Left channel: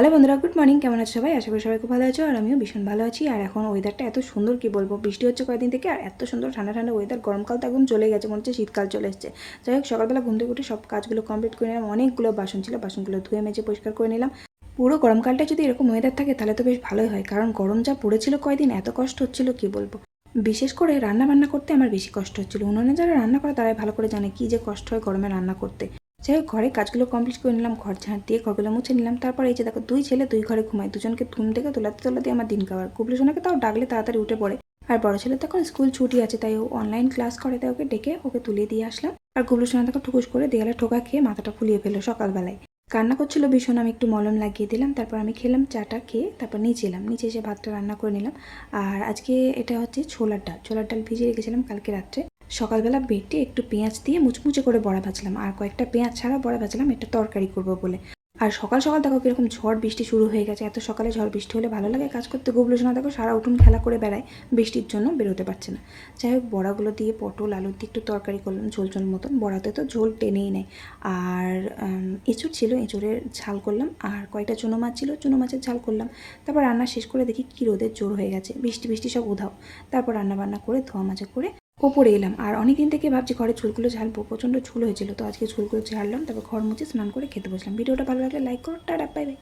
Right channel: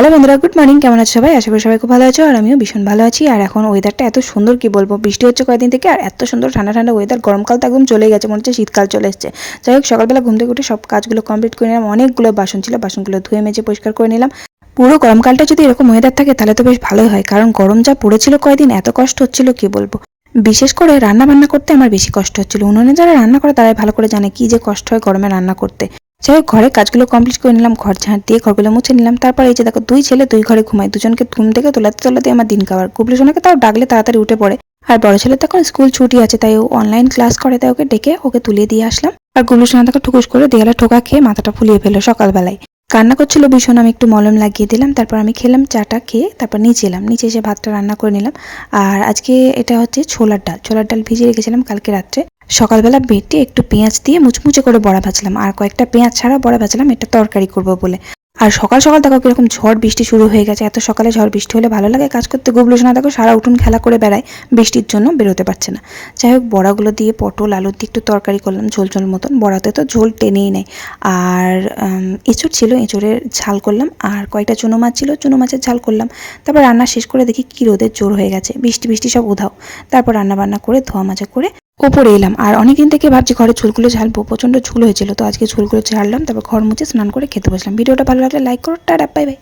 Hello বন্ধুরা, good morning. কেমন আছো সবাই? আশা করি সবাই খুব ভালো আছো, আর আমিও ভীষণ ভালো আছি। আর এখন ওয়েদারটা এত সুন্দর, কি বলবো, বৃষ্টি হচ্ছে কয়েকদিন থেকে, আর এত সুন্দর ঠান্ডা ঠান্ডা ওয়েদার। গরমকাল তো একদম চলে গেছে, মনে হচ্ছে শীতকাল চলে এসেছে। যাই হোক, সকালবেলা ঘুম থেকে উঠে সব কাজগুলো কমপ্লিট করে নিলাম। অনেকগুলো বাসন ছিল, বাসনগুলো ধুয়ে মেজে পরিষ্কার করে নিলাম। পুরো গরমকালটা যদি এরকম ওয়েদার থাকে তাহলে তো বেশ ভালোই হয়, কারণ গরম যা পড়েছিল কয়েকদিন, এত কষ্ট হচ্ছিল কি বলবো। বিশেষ করে রান্না বান্না করতে আমার বেশি কষ্ট হচ্ছিল। উনুনে যারা রান্না করে তারাই ভালো করে জানে কি যে কষ্ট হয় গরমে রান্না করতে। যাই হোক, ঘরের কাজগুলো কমপ্লিট করে নিলাম, ঘর ঝাঁট দিয়ে ঘরগুলো মুছে নিলাম। তারপর এই যে দেখো, দুই ছেলে দুই ঘরে ঘুমায়, দুজনকে ঘুম থেকে তোলাতে তোলাতে আমার দিন খাবার। গুবলু সোনাকে তাও ডাকলে তাড়াতাড়ি উঠে পড়ে। আর বড় ছেলে তখন স্কুল ছুটি আছে, তাই ও অনলাইন ক্লাস করে, তাই ওকে ডেকে ওকে তুলিয়ে দিয়ে আসলাম। আর গুবলু সোনা তাকে ঠুকুস করে দেয়ালে ঠোকা খেয়ে মাথাটা ফুলিয়ে ফেললো সকালবেলায়। কান্না করছিল ভীষণ, আমি একটু মলম লাগিয়ে দিলাম। তারপর আমি খেলাম, চাটা খেয়ে তারপর নিচে এলাম, নিচে এসে ভাতটা রান্না করে নিলাম। আর আজকে এটা হচ্ছে ছোলার ডাল। ছোলার ডাল ভিজিয়ে রেখেছিলাম কালকে রাত্রে। সকালবেলা বেটে একটু পেঁয়াজ দিয়ে মুচমুচে করে বড়া ভাজলাম, আর কয়েকটা পেঁয়াজ ছাড়া বড়া ভাজলাম, এটা তরকারি করবো বলে। আর সকাল সকাল দেখো কিরকম ঝড় বৃষ্টি শুরু হয়ে গেছে। এত সকালে ঝড় বৃষ্টি হলে ভালো লাগে কাজ করতে। গুবলু সোনা দেখো সারা উঠোন খেলা করে বেড়ায়, বৃষ্টির জন্য বেরোতে পারছে না। যাই হোক, বড়াগুলো দিয়ে পটল আলু দিয়ে একটু তরকারি করলাম, ঝোল ঝোল মতন। বড়াতে তো ঝোল টেনেই নেয়। আর এঁচড় ছিল, এঁচড়ের ঝাল করলাম। আর কয়েকটা চুনো মাছ ছিল, চুনো মাছের ঝাল করলাম। তারপর রান্না শেষ করে দেখি কি রোদের জোর হয়ে গেছে, বৃষ্টি বৃষ্টি সব উধাও। তারপর রান্না বান্না করে ধোয়া মাজা করে ওপরে এলাম। আর অনেকদিন থেকে ভাবছি ঘরে ঝুলগুলো ঝালবো, প্রচন্ড ঝুল হয়েছিল, তো আজকে ঝুলগুলো ঝাড়লাম। তারপর ঘর মুছে স্নান করে খেতে বসলাম। ভিডিওটা ভালো লাগলে লাইক করো, টাটা, বাই বাই।